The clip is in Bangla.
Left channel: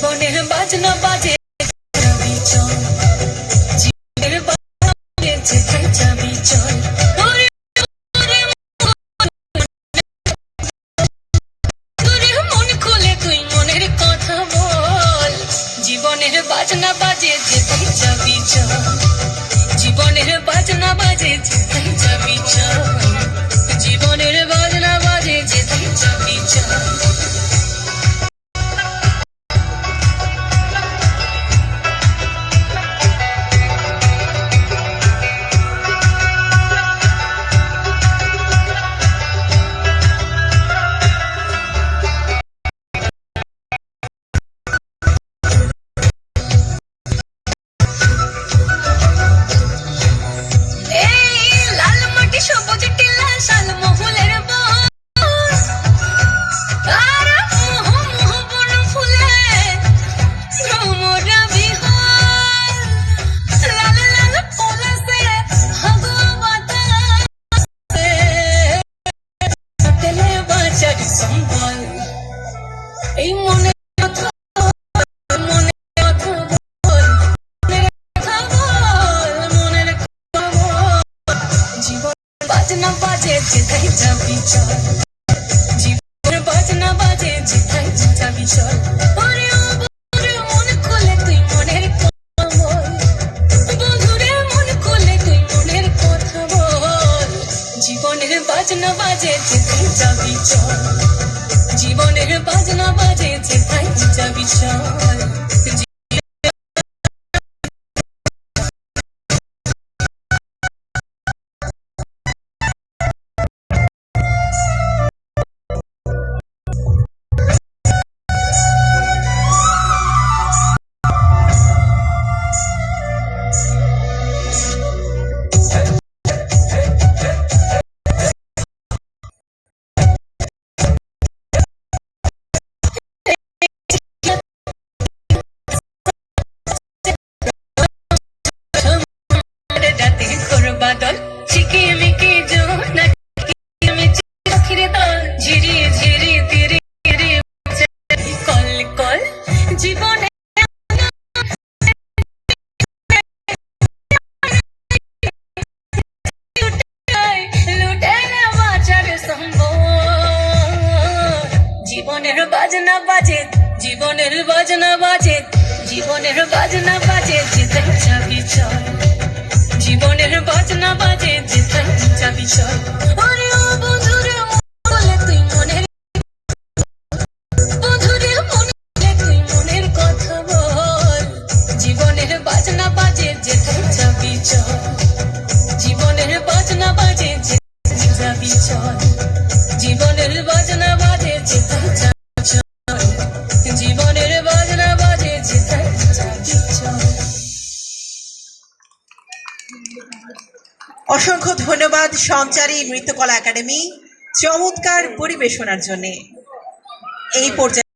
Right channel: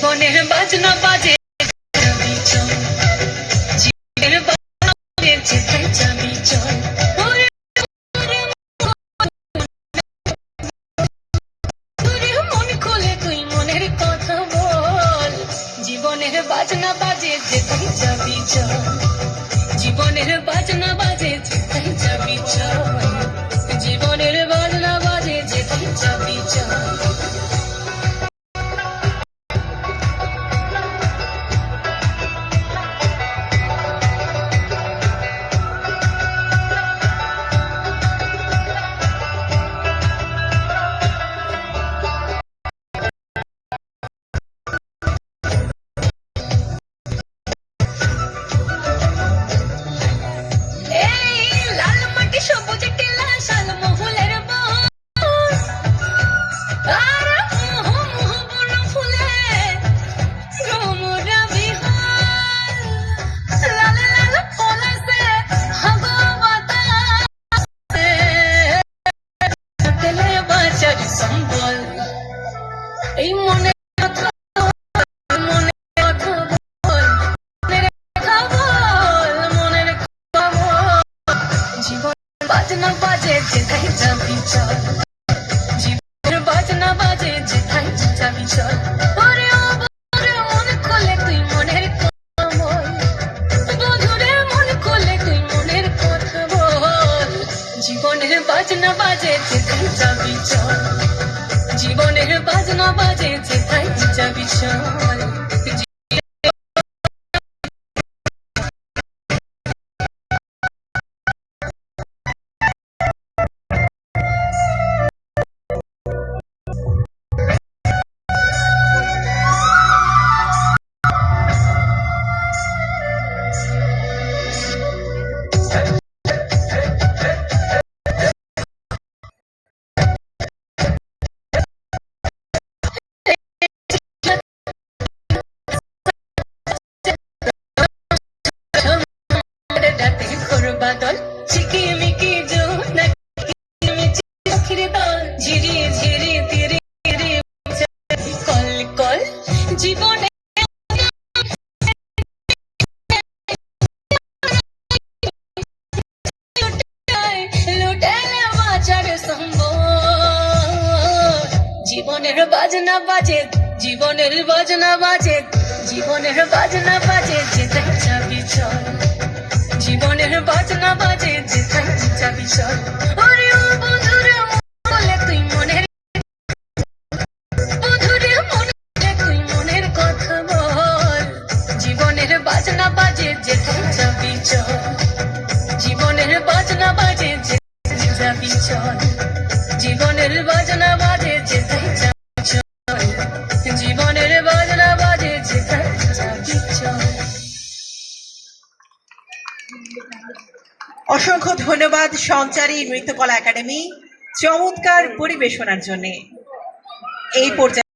জীবনের বাজনা বাজে যাবি চল, জীবনের বাজনা বাজে যেথায় যাবি চল। মন খুলে তুই মনের কথা বল, জীবনের বাজনা বাজে যেথায় যাবি চল, জীবনের বাজনা বাজে যেথায় যাবি চল, জীবনের বাজনা বাজে যেথায় যাবি চল। সবুজ টিলা শাল মহুলের বস, আর মোহ মোহ বন ফুলে ভ্রমরা বিহার, লাল লাল পলাশে হাগো বাতাসে তেলে বাঁচার সম্বল। এই মনে কথা মনে কথা বল, মনের কথা বল, মনের কথা বল। জীবন বাজনা বাজে যেথায় যাবি চল, জীবনের বাজনা বাজে যেথায় যাবি চল। ওরে ও বন্ধুরে মন খুলে তুই মনের কথা বল, বন্ধুরে মন খুলে তুই মনের কথা বল। জীবনের বাজনা বাজে যেথায় যাবি চল, জীবনের বাজনা বাজে যেথায় যাবি চল। বাদল ঝিকিমিকি জোনা কিমিচি পাখির দল, ঝিরি ঝিরি তিরি তিরি কল কল। জীবনে লুটাইলে বাঁচার সম্বল, জীবনের বাজনা বাজে, জীবনের বাজনা বাজে, জীবনের বাজনা বাজে যেথায় যাবি চল, জীবনের বাজনা বাজে যেথায় যাবি চল। ওরে ও বন্ধুরে মন খুলে তুই মনের, বন্ধুরে মন খুলে তুই মনের কথা বল, জীবনের বাজনা বাজে যেথায় যাবি চল, জীবনের বাজনা বাজে যেথায় যাবি চল, জীবনের বাজনা বাজে যেথায় যাবি চল, জীবনের বাজনা বাজে যেথায় যাবি চল। অসংখ্য ধন্যবাদ সঞ্চারী নৃত্যকলা একাডেমি চমৎকার পরিবেশনার জন্য। এই পর্যায়ে